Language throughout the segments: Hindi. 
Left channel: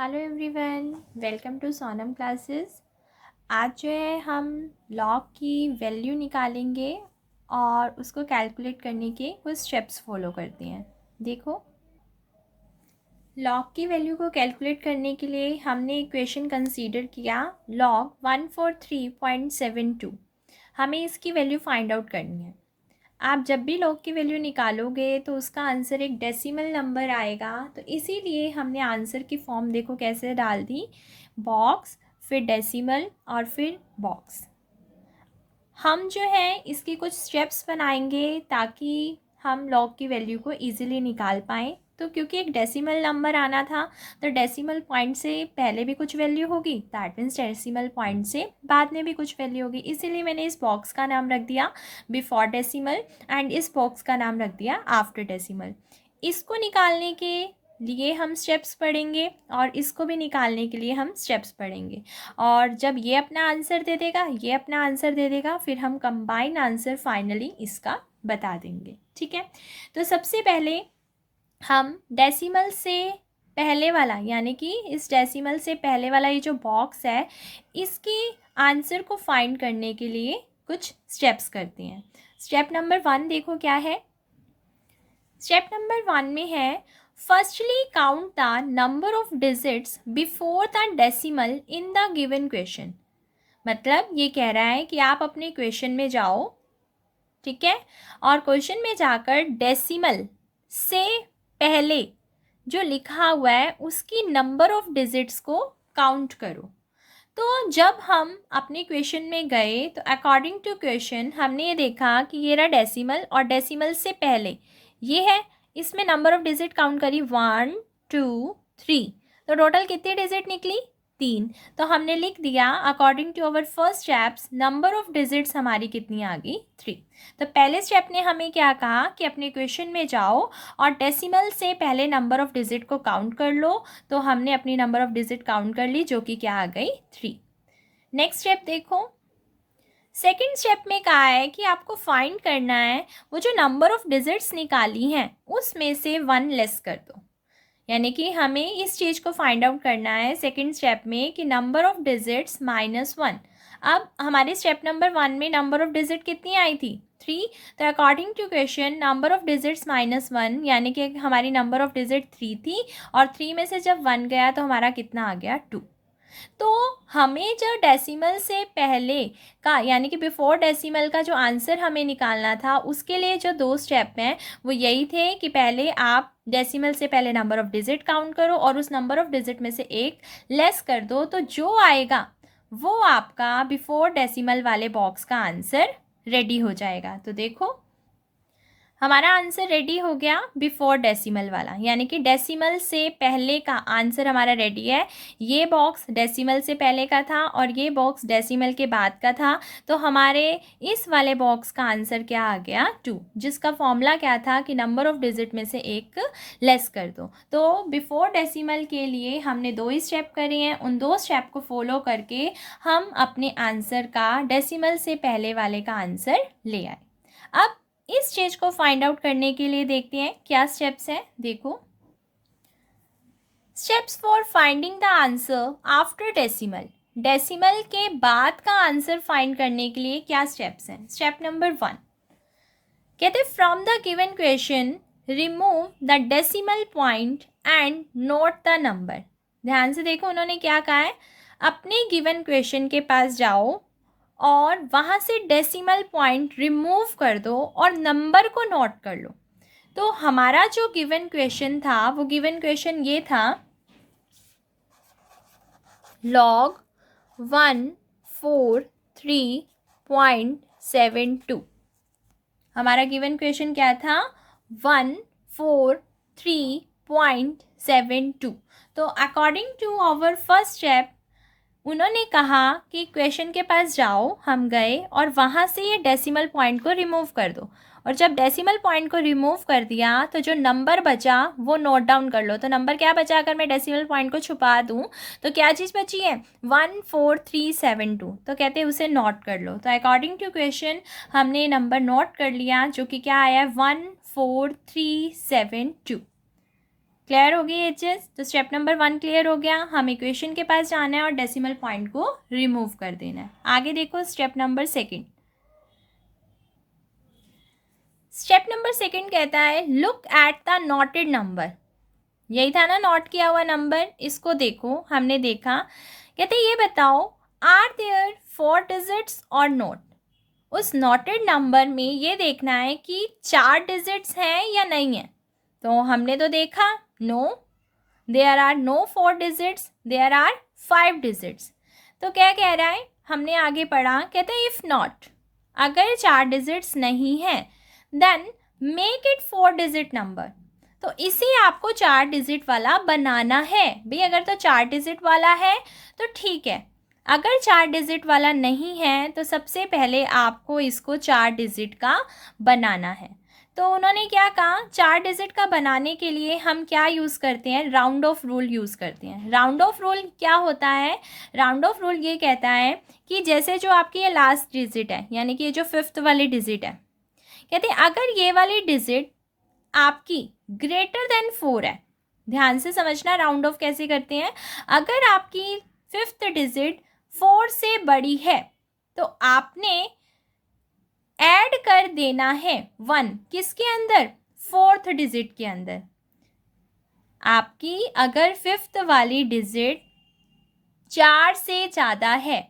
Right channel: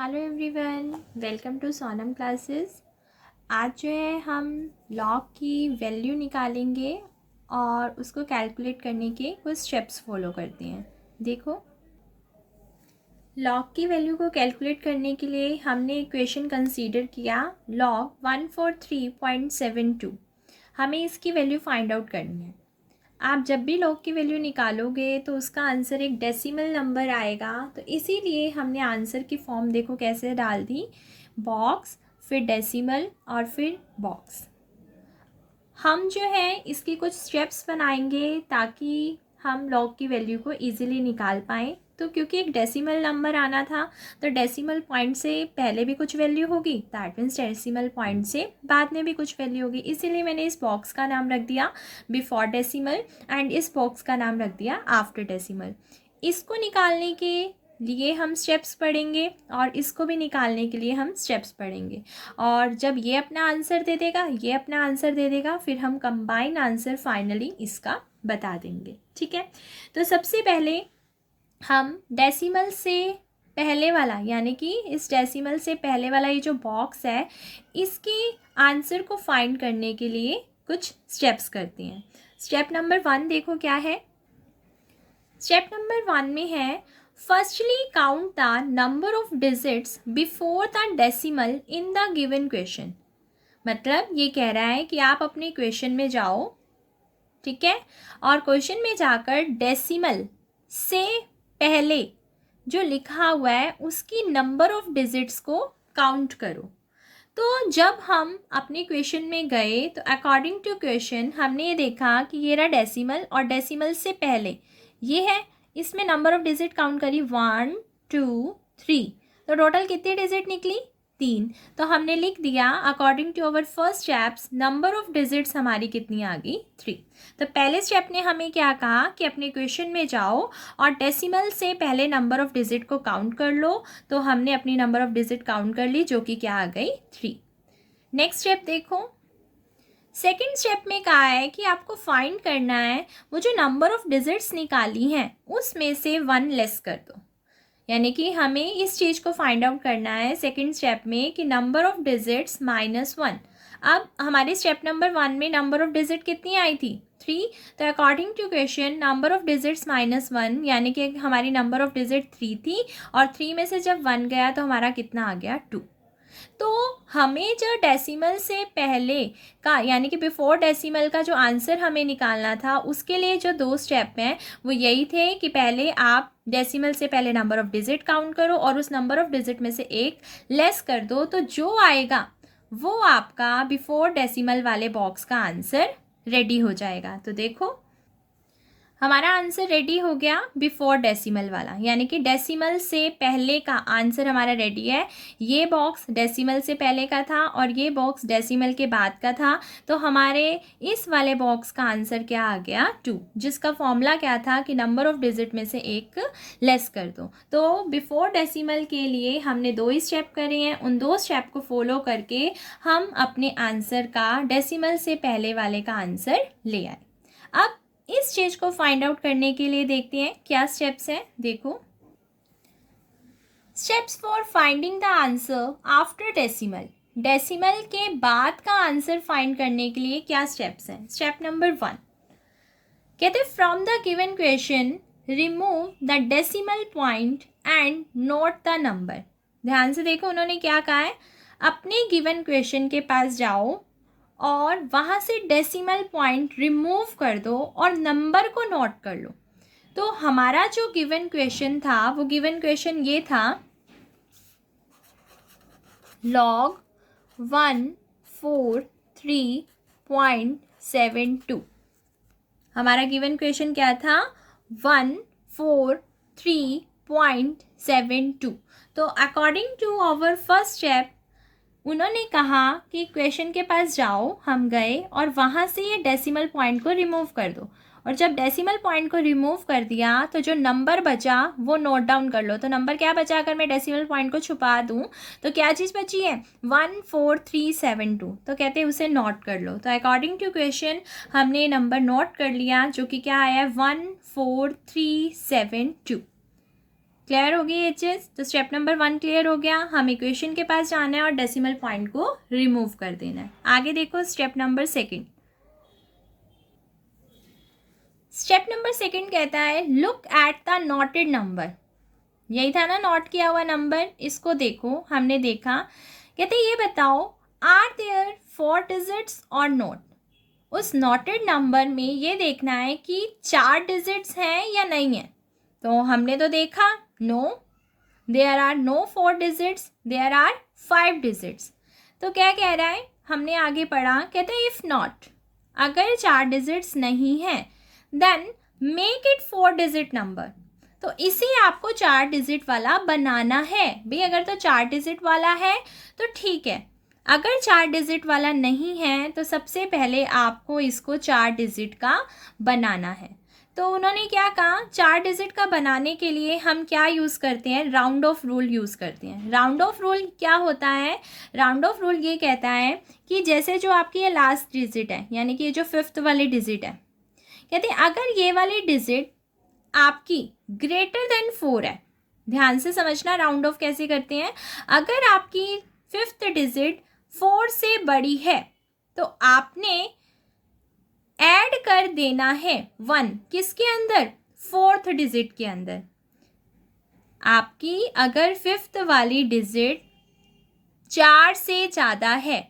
Hello everyone, welcome to Sonam classes. आज जो है हम लॉग की वैल्यू निकालेंगे और उसको कैलकुलेट करने के कुछ स्टेप्स फॉलो करते हैं। देखो, लॉग की वैल्यू को कैलकुलेट करने के लिए हमने इक्वेशन कंसीडर किया लॉग 143.72। हमें इसकी वैल्यू फाइंड आउट करनी है। आप जब भी लॉग की वैल्यू निकालोगे तो उसका आंसर एक डेसिमल नंबर आएगा, तो इसीलिए हमने आंसर की फॉर्म देखो कैसे डाल दी, बॉक्स फिर डेसिमल और फिर बॉक्स। हम जो है इसके कुछ स्टेप्स बनाएंगे ताकि हम लॉग की वैल्यू को इजीली निकाल पाएँ। तो क्योंकि एक डेसिमल नंबर आना था तो डेसिमल पॉइंट से पहले भी कुछ वैल्यू होगी, दैट मीन्स डेसिमल पॉइंट से बाद में भी कुछ वैल्यू होगी। इसीलिए मैंने इस बॉक्स का नाम रख दिया बिफोर डेसिमल एंड इस बॉक्स का नाम रख दिया आफ्टर डेसिमल। इसको निकालने के लिए हम स्टेप्स पढ़ेंगे और इसको भी निकालने के लिए हम स्टेप्स पढ़ेंगे। और जब ये अपना आंसर दे देगा, ये अपना आंसर दे देगा, फिर हम कंबाइन आंसर फाइनली इसका बता देंगे। ठीक है, तो सबसे पहले हम डेसिमल से पहले वाला यानी कि इस डेसिमल से पहले वाला ये जो बॉक्स है इसके आंसर को फाइंड करने के लिए कुछ स्टेप्स करते हैं। स्टेप नंबर 1 देखो क्या है। स्टेप नंबर 1 में है firstly count the number of digits before the decimal in the given question. मतलब ये कह रहा है कि आप अपने क्वेश्चन में जाओ, ठीक है, और क्वेश्चन में जाकर डेसिमल से पहले जो लिखा हुआ है उसकी नंबर ऑफ डिजिट्स को काउंट करो। तो जब हम अपने क्वेश्चन में गए तो अकॉर्डिंग टू क्वेश्चन हमने ये देखा कि ये रहा डेसिमल और डेसिमल से पहले ये है, इसमें नंबर ऑफ डिजिट काउंट करी 1 2 3, तो टोटल कितनी डिजिट निकली 3। तो हमने लिख दिया according to our first steps number of digits हमारी कितनी आ गई 3। तो पहले स्टेप ने हमें क्या कहा कि अपने क्वेश्चन में जाओ और डेसिमल से पहले नंबर ऑफ डिजिट को काउंट कर लो। तो हमने अपनी नंबर ऑफ डिजिट काउंट कर ली जो कि क्या आ गई 3। नेक्स्ट स्टेप देखो, सेकेंड स्टेप में कहा है कि आपको फाइंड करना है वो जो नंबर ऑफ डिजिट्स निकाली हैं उसमें से 1 लेस कर दो। यानी कि हमें इस चीज़ को फाइंड आउट करना है सेकेंड स्टेप में कि नंबर ऑफ डिजिट्स -1। अब हमारे स्टेप नंबर 1 में नंबर ऑफ डिजिट कितनी आई थी 3, तो according to question number of digits -1 यानी कि हमारी नंबर ऑफ डिजिट 3 थी और 3 में से जब 1 गया तो हमारा कितना आ गया 2। तो हमें जो डेसिमल से पहले का यानी कि बिफोर डेसिमल का जो आंसर हमें निकालना था उसके लिए जो 2 स्टेप हैं वो यही थे कि पहले आप डेसिमल से पहले नंबर ऑफ डिजिट काउंट करो और उस नंबर ऑफ डिजिट में से एक लेस कर दो, तो जो आएगा वो आपका बिफोर डेसिमल वाले बॉक्स का आंसर रेडी हो जाएगा। तो देखो हमारा आंसर रेडी हो गया बिफोर डेसिमल वाला, यानी कि डेसिमल से पहले का आंसर हमारा रेडी है। ये बॉक्स डेसिमल से पहले का था और ये बॉक्स डेसिमल के बाद का था। तो हमारे इस वाले बॉक्स का आंसर क्या आ गया 2, जिसका फॉर्मूला क्या था कि नंबर ऑफ डिजिट में से एक लेस कर दो। तो बिफोर डेसिमल के लिए हमने 2 ही स्टेप करे हैं, उन 2 स्टेप को फॉलो करके हम अपने आंसर का डेसिमल से पहले वाले का आंसर ले आए। अब इस चीज को फाइंड आउट करने के लिए देखते हैं क्या स्टेप्स हैं। देखो, steps for finding the answer after decimal. Decimal के बाद का आंसर फाइंड करने के लिए क्या स्टेप्स हैं। स्टेप नंबर 1 कहते from the given question remove the decimal point and note the number. ध्यान से देखो उन्होंने क्या कहा है, अपने गिवन क्वेश्चन के पास जाओ और वहाँ से डेसिमल पॉइंट रिमूव कर दो और नंबर को नोट कर लो। तो हमारा जो गिवन क्वेश्चन था वो गिवन क्वेश्चन ये था log 143.72। हमारा गिवन क्वेश्चन क्या था 143.72। तो according to our first step उन्होंने कहा कि क्वेश्चन के पास जाओ, हम गए और वहाँ से ये डेसिमल पॉइंट को रिमूव कर दो। और जब डेसिमल पॉइंट को रिमूव कर दिया तो जो नंबर बचा वो नोट डाउन कर लो। तो नंबर क्या बचा, अगर मैं डेसिमल पॉइंट को छुपा दूँ तो क्या चीज़ बची है 14372, तो कहते हैं उसे नोट कर लो। तो अकॉर्डिंग टू क्वेश्चन हमने नंबर नोट कर लिया जो कि क्या आया 14372। क्लियर होगी ये चीज़? तो स्टेप नंबर 1 क्लियर हो गया। हम इक्वेशन के पास जाना है और डेसिमल पॉइंट को रिमूव कर देना है। आगे देखो स्टेप नंबर 2। स्टेप नंबर 2 कहता है look at the noted number. यही था ना नोट किया हुआ नंबर, इसको देखो। हमने देखा, कहते ये बताओ आर देयर 4 डिजिट्स और नोट। उस नोटेड नंबर में ये देखना है कि 4 डिजिट्स हैं या नहीं है। तो हमने तो देखा no, there are no 4 digits, there are 5 digits. तो क्या कह रहा है, हमने आगे पढ़ा, कहते हैं इफ़ नॉट, अगर 4 डिजिट्स नहीं है then make it 4 digit number. तो इसे आपको 4 डिजिट वाला बनाना है भाई। अगर तो 4 डिजिट वाला है तो ठीक है, अगर 4 डिजिट वाला नहीं है तो सबसे पहले आपको इसको 4 डिजिट का बनाना है। तो उन्होंने क्या कहा, 4 डिजिट का बनाने के लिए हम क्या यूज़ करते हैं, राउंड ऑफ रूल यूज़ करते हैं। राउंड ऑफ रूल क्या होता है, राउंड ऑफ रूल ये कहता है कि जैसे जो आपकी ये लास्ट डिजिट है, यानी कि ये जो 5th वाली डिजिट है, कहते हैं अगर ये वाली डिजिट आपकी ग्रेटर देन 4 है, ध्यान से समझना राउंड ऑफ कैसे करते हैं। अगर आपकी 5th डिजिट 4 से बड़ी है तो आपने ऐड कर देना है 1 किसके अंदर, 4th डिजिट के अंदर। आपकी अगर 5th वाली डिजिट 4 से ज़्यादा है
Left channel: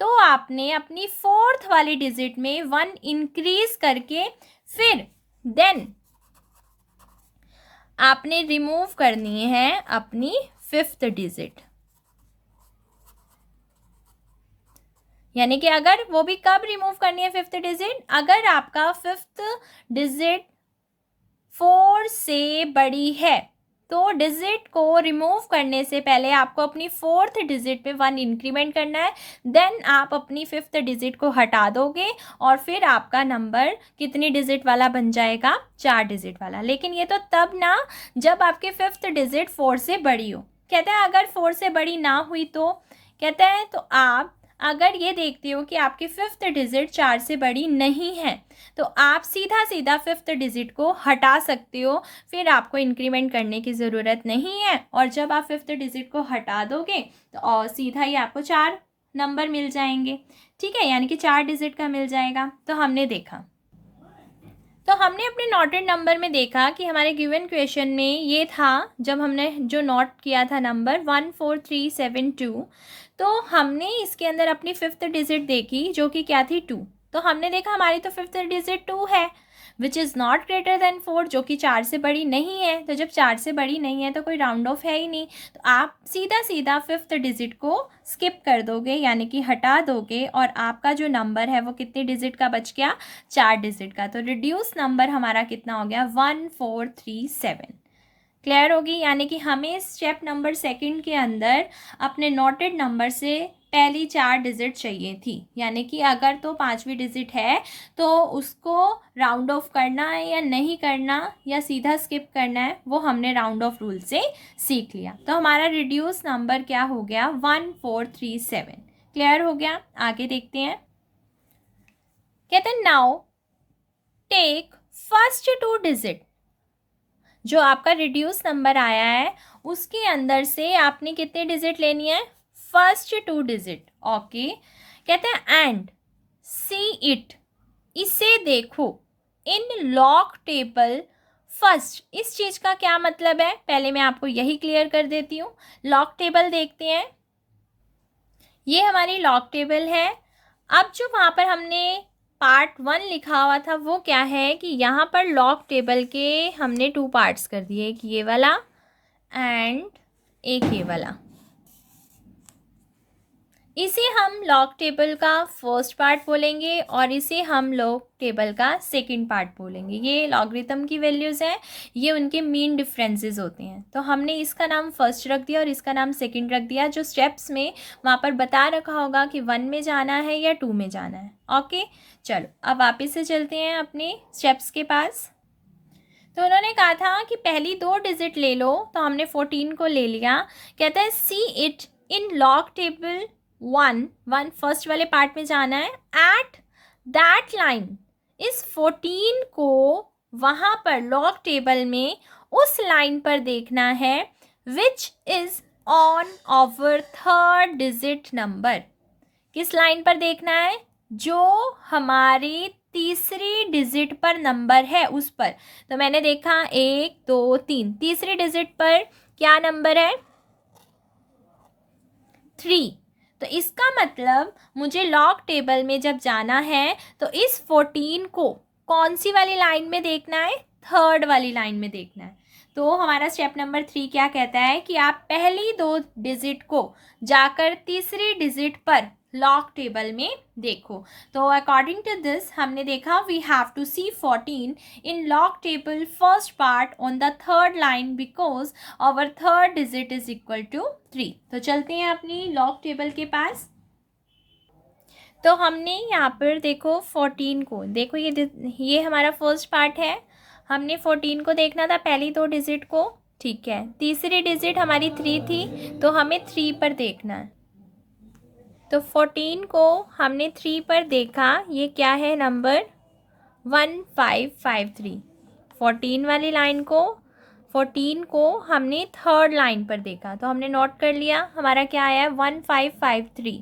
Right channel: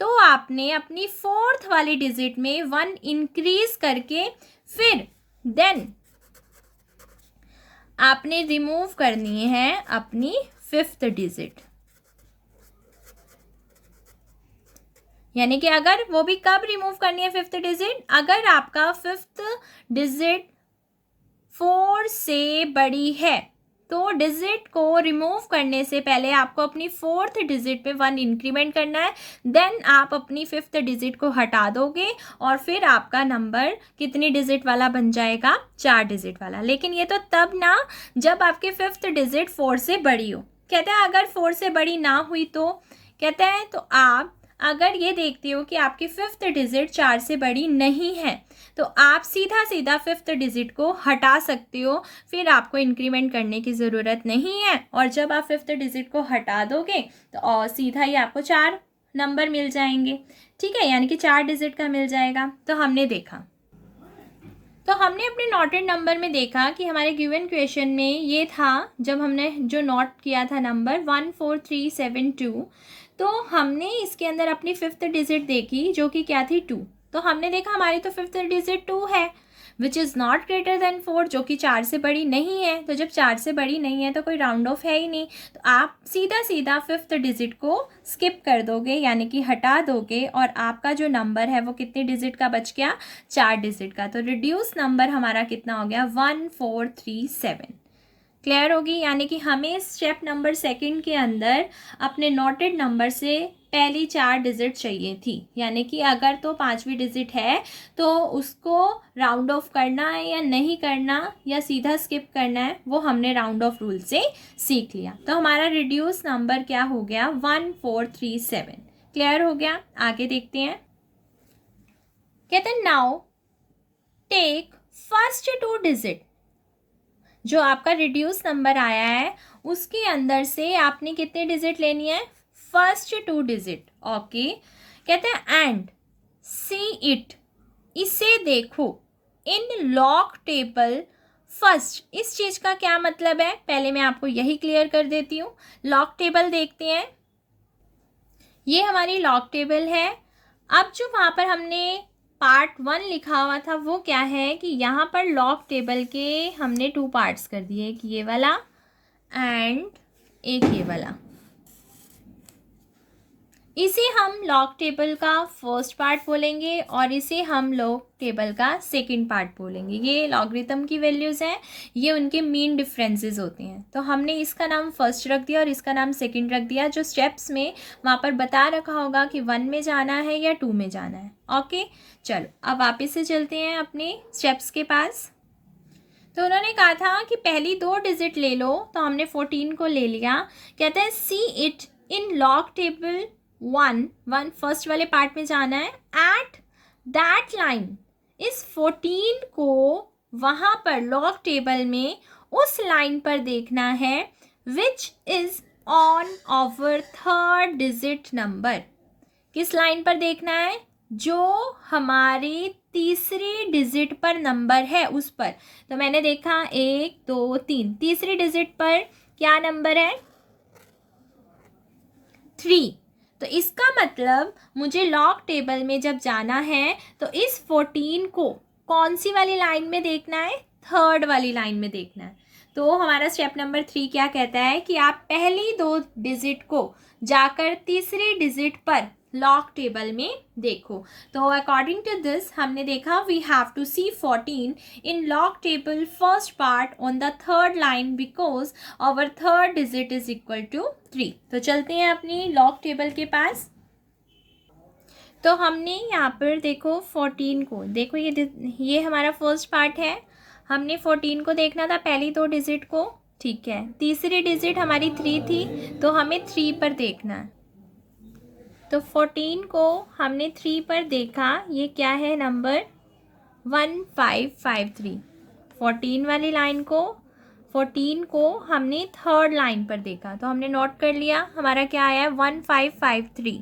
तो आपने अपनी 4th वाली डिजिट में 1 इंक्रीज करके फिर देन आपने रिमूव करनी है अपनी 5th डिजिट। यानी कि अगर वो भी कब रिमूव करनी है 5th डिजिट, अगर आपका 5th डिजिट 4 से बड़ी है तो डिजिट को रिमूव करने से पहले आपको अपनी 4th डिजिट पे 1 इंक्रीमेंट करना है। देन आप अपनी 5th डिजिट को हटा दोगे और फिर आपका नंबर कितनी डिजिट वाला बन जाएगा, 4 डिजिट वाला। लेकिन ये तो तब ना जब आपके 5th डिजिट 4 से बड़ी हो। कहते हैं अगर 4 से बड़ी ना हुई तो कहते हैं तो आप अगर ये देखते हो कि आपकी 5th डिजिट 4 से बड़ी नहीं है तो आप सीधा सीधा 5th डिजिट को हटा सकते हो, फिर आपको इंक्रीमेंट करने की ज़रूरत नहीं है। और जब आप 5th डिजिट को हटा दोगे तो और सीधा ही आपको 4 नंबर मिल जाएंगे, ठीक है, यानी कि 4 डिजिट का मिल जाएगा। तो हमने देखा, तो हमने अपने नोटेड नंबर में देखा कि हमारे गिवन क्वेश्चन में ये था, जब हमने जो नोट किया था नंबर 14372, तो हमने इसके अंदर अपनी 5th डिजिट देखी जो कि क्या थी 2। तो हमने देखा हमारी तो 5th डिजिट 2 है which is not greater than 4, जो कि 4 से बड़ी नहीं है। तो जब 4 से बड़ी नहीं है तो कोई राउंड ऑफ है ही नहीं, तो आप सीधा सीधा 5th डिजिट को स्किप कर दोगे, यानी कि हटा दोगे, और आपका जो नंबर है वो कितने डिजिट का बच गया, 4 डिजिट का। तो रिड्यूस नंबर हमारा कितना हो गया, 1437। क्लियर होगी? यानी कि हमें स्टेप नंबर 2 के अंदर अपने नोटेड नंबर से पहली 4 डिजिट चाहिए थी, यानी कि अगर तो 5वीं डिजिट है तो उसको राउंड ऑफ करना है या नहीं करना या सीधा स्किप करना है, वो हमने राउंड ऑफ रूल से सीख लिया। तो हमारा रिड्यूस नंबर क्या हो गया, 1437। क्लियर हो गया? आगे देखते हैं। कहते हैं नाउ टेक फर्स्ट 2 डिजिट, जो आपका रिड्यूस नंबर आया है उसके अंदर से आपने कितने डिजिट लेनी है, फर्स्ट 2 डिजिट। ओके, कहते हैं एंड सी इट, इसे देखो, इन लॉग टेबल फर्स्ट। इस चीज़ का क्या मतलब है, पहले मैं आपको यही क्लियर कर देती हूँ। लॉग टेबल देखते हैं, ये हमारी लॉग टेबल है। अब जो वहाँ पर हमने पार्ट 1 लिखा हुआ था वो क्या है कि यहाँ पर लॉग टेबल के हमने 2 पार्ट्स कर दिए, एक ये वाला एंड एक ये वाला। इसे हम लॉग टेबल का फर्स्ट पार्ट बोलेंगे और इसे हम लॉग टेबल का सेकंड पार्ट बोलेंगे। ये लॉगरिथम की वैल्यूज़ हैं, ये उनके मीन डिफरेंसेस होते हैं। तो हमने इसका नाम फर्स्ट रख दिया और इसका नाम सेकंड रख दिया, जो स्टेप्स में वहाँ पर बता रखा होगा कि 1 में जाना है या 2 में जाना है। ओके, चलो अब वापस से चलते हैं अपने स्टेप्स के पास। तो उन्होंने कहा था कि पहली 2 डिजिट ले लो, तो हमने 14 को ले लिया। कहते हैं see it in log table 1 first वाले पार्ट में जाना है। एट दैट लाइन, इस 14 को वहाँ पर लॉग टेबल में उस लाइन पर देखना है which is on our third digit number. किस लाइन पर देखना है? जो हमारी तीसरी डिजिट पर नंबर है उस पर। तो मैंने देखा 1 2 3, तीसरी डिजिट पर क्या नंबर है? 3। तो इसका मतलब मुझे लॉग टेबल में जब जाना है तो इस 14 को कौन सी वाली लाइन में देखना है? थर्ड वाली लाइन में देखना है। तो हमारा स्टेप नंबर 3 क्या कहता है कि आप पहली 2 डिजिट को जाकर तीसरी डिजिट पर लॉग टेबल में देखो। तो अकॉर्डिंग टू दिस हमने देखा we have to see 14 in log table first part on the third line because our third digit is equal to 3। तो चलते हैं अपनी लॉग टेबल के पास। तो हमने यहाँ पर देखो 14 को, देखो ये हमारा फर्स्ट पार्ट है। हमने 14 को देखना था, पहली 2 डिजिट को, ठीक है। तीसरी डिजिट हमारी 3 थी तो हमें 3 पर देखना है। तो 14 को हमने 3 पर देखा, ये क्या है नंबर? 1553। 14 वाली लाइन को, 14 को हमने थर्ड लाइन पर देखा तो हमने नोट कर लिया, हमारा क्या आया है? 1553।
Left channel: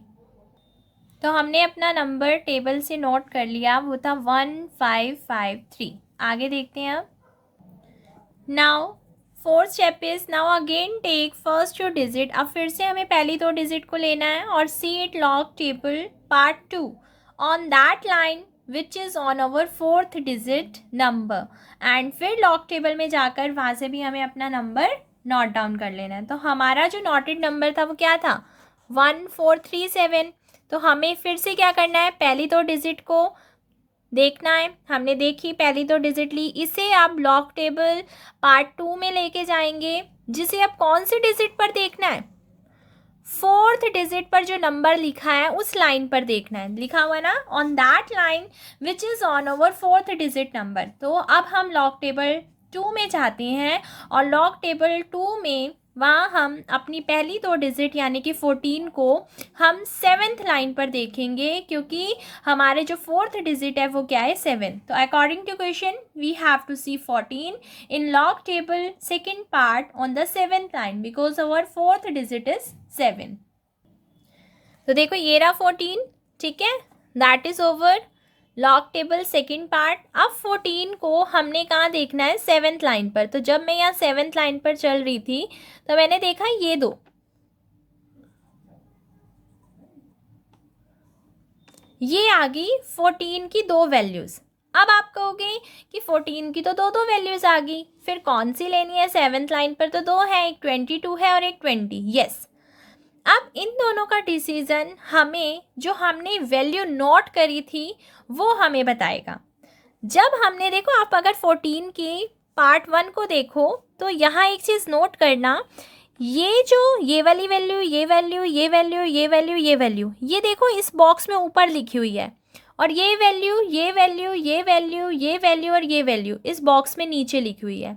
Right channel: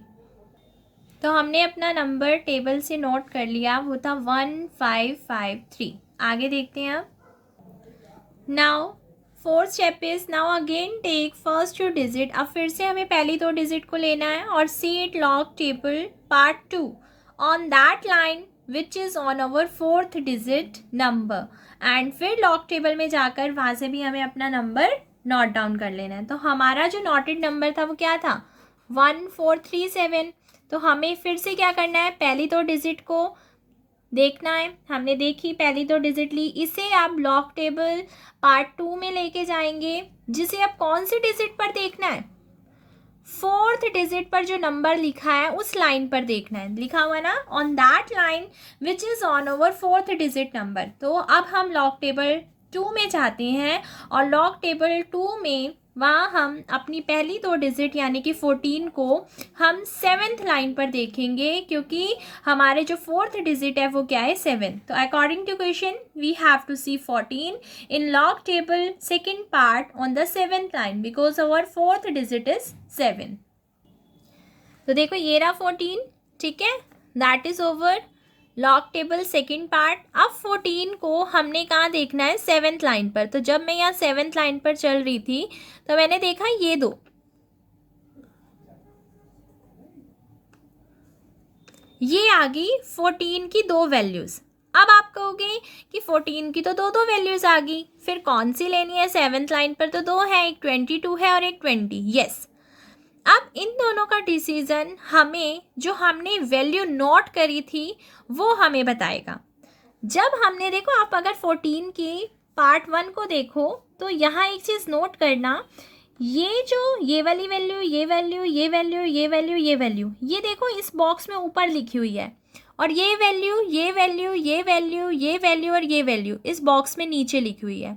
तो हमने अपना नंबर टेबल से नोट कर लिया, वो था 1553। आगे देखते हैं अब। Now fourth step is now again take first 2 digit. अब फिर से हमें पहली 2 डिजिट को लेना है और see it log table part 2 on that line which is on our fourth digit number. And फिर लॉग टेबल में जाकर वहाँ से भी हमें अपना नंबर नोट डाउन कर लेना है। तो हमारा जो नोटेड नंबर था वो क्या था? 1437। तो हमें फिर से क्या करना है? पहली 2 डिजिट को देखना है। हमने देखी, पहली 2 डिजिट ली, इसे आप लॉग टेबल पार्ट 2 में लेके जाएंगे, जिसे अब कौन सी डिजिट पर देखना है? फोर्थ डिजिट पर जो नंबर लिखा है उस लाइन पर देखना है। लिखा हुआ ना, on that line which is on over fourth digit number. तो अब हम लॉग टेबल 2 में जाते हैं और लॉग टेबल 2 में वहाँ हम अपनी पहली 2 डिजिट यानी कि 14 को हम 7th लाइन पर देखेंगे, क्योंकि हमारे जो फोर्थ डिजिट है वो क्या है? 7। तो according to question we have to see 14 in log table second part on the 7th line because our fourth digit is 7। तो देखो ये रहा 14, ठीक है, that is over log table second part. अब 14 को हमने कहाँ देखना है? 7th लाइन पर। तो जब मैं यहाँ 7th लाइन पर चल रही थी तो मैंने देखा ये 2, ये आ गई 14 की 2 वैल्यूज़। अब आप कहोगे कि 14 की तो 2 वैल्यूज़ आ गई, फिर कौन सी लेनी है? 7th लाइन पर तो 2 है, एक 22 है और एक 20। यस, अब इन दोनों का डिसीजन हमें, जो हमने वैल्यू नोट करी थी वो हमें बताएगा। जब हमने देखो, आप अगर 14 की पार्ट 1 को देखो तो यहाँ एक चीज़ नोट करना, ये जो ये वाली वैल्यू, ये वैल्यू, ये वैल्यू, ये वैल्यू, ये वैल्यू, ये देखो इस बॉक्स में ऊपर लिखी हुई है, और ये वैल्यू, ये वैल्यू, ये वैल्यू, ये वैल्यू और ये वैल्यू इस बॉक्स में नीचे लिखी हुई है।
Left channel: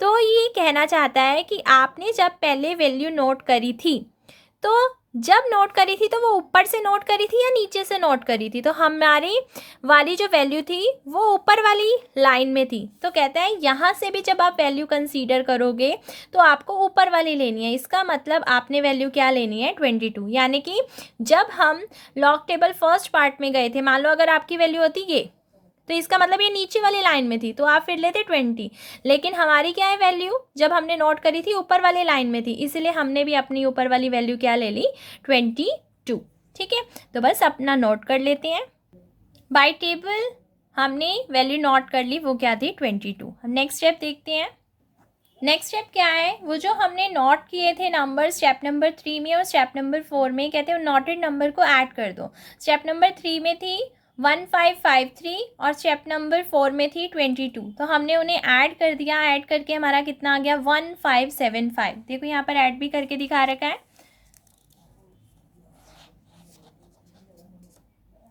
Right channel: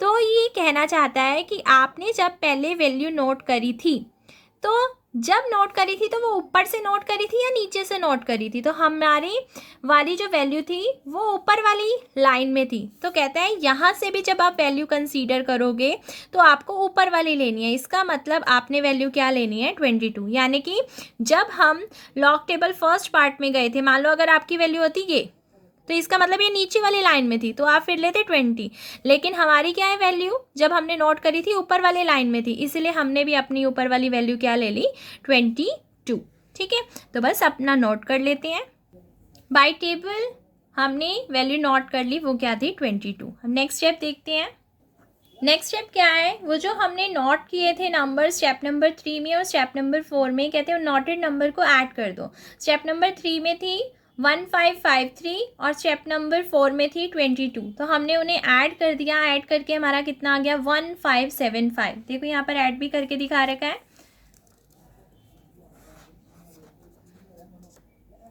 तो ये कहना चाहता है कि आपने जब पहले वैल्यू नोट करी थी, तो जब नोट करी थी तो वो ऊपर से नोट करी थी या नीचे से नोट करी थी? तो हमारी वाली जो वैल्यू थी वो ऊपर वाली लाइन में थी। तो कहता है यहाँ से भी जब आप वैल्यू कंसीडर करोगे तो आपको ऊपर वाली लेनी है। इसका मतलब आपने वैल्यू क्या लेनी है? 22। यानी कि जब हम लॉग टेबल फर्स्ट पार्ट में गए थे, मान लो अगर आपकी वैल्यू होती ये, तो इसका मतलब ये नीचे वाली लाइन में थी तो आप फिर लेते 20। लेकिन हमारी क्या है वैल्यू, जब हमने नोट करी थी ऊपर वाली लाइन में थी, इसीलिए हमने भी अपनी ऊपर वाली वैल्यू क्या ले ली? 22। ठीक है, तो बस अपना नोट कर लेते हैं। बाय टेबल हमने वैल्यू नोट कर ली, वो क्या थी? 22। हम नेक्स्ट स्टेप देखते हैं। नेक्स्ट स्टेप क्या है? वो जो हमने नोट किए थे नंबर स्टेप नंबर 3 में और स्टेप नंबर 4 में, कहते हैं नोटेड नंबर को ऐड कर दो। स्टेप नंबर 3 में थी 1553 और स्टेप नंबर 4 में थी 22। तो हमने उन्हें ऐड कर दिया, ऐड करके हमारा कितना आ गया? 1575। देखो यहाँ पर ऐड भी करके दिखा रखा है,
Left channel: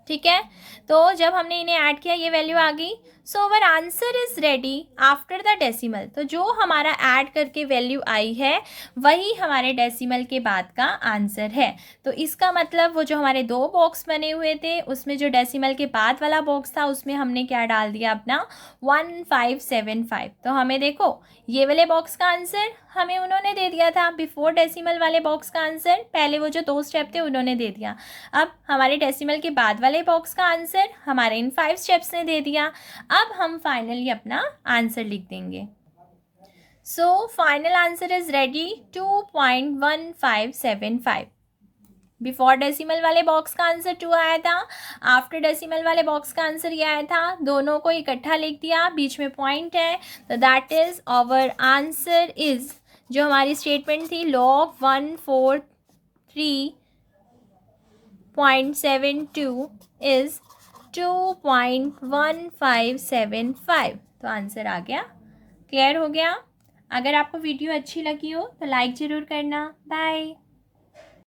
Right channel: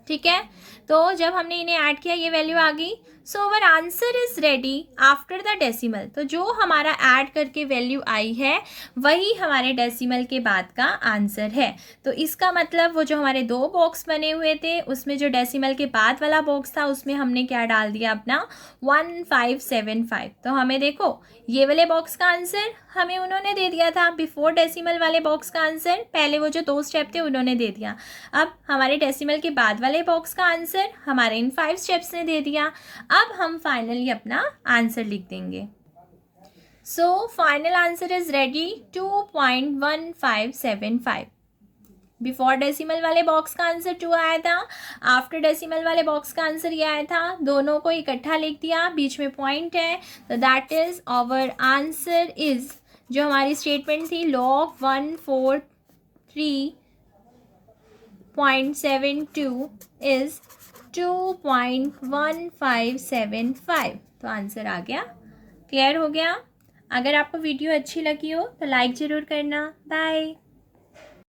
ठीक है। तो जब हमने इन्हें ऐड किया ये वैल्यू आ गई। So our answer is ready after the decimal. तो जो हमारा ऐड करके वैल्यू आई है वही हमारे डेसिमल के बाद का आंसर है। तो इसका मतलब वो जो हमारे दो बॉक्स बने हुए थे उसमें जो डेसिमल के बाद वाला बॉक्स था उसमें हमने क्या डाल दिया अपना 1575। तो हमें देखो ये वाले बॉक्स का आंसर हमें उन्होंने दे दिया था, बिफोर डेसिमल वाले बॉक्स का आंसर पहले वो जो दो स्टेप थे उन्होंने दे दिया। अब हमारे डेसिमल के बाद वाले बॉक्स का आंसर हमारे इन 5 स्टेप्स ने दे दिया। अब हम फाइनली अपना आंसर लिख देंगे। So final answer is ready 2.1575। Before decimal वाले बॉक्स का आंसर 2 आया था, आफ्टर डेसिमल वाले बॉक्स का आंसर ये आया था, दोनों को इकट्ठा लिख दिया, बीच में पॉइंट है, तो that is our answer is, जो हमारी स्टेटमेंट थी log 143.72 इज 2.1575। तो आंसर आ गया। क्लियर हो गया? अगर आपको वीडियो अच्छी लगी हो तो लाइक ज़रूर करना। बाय।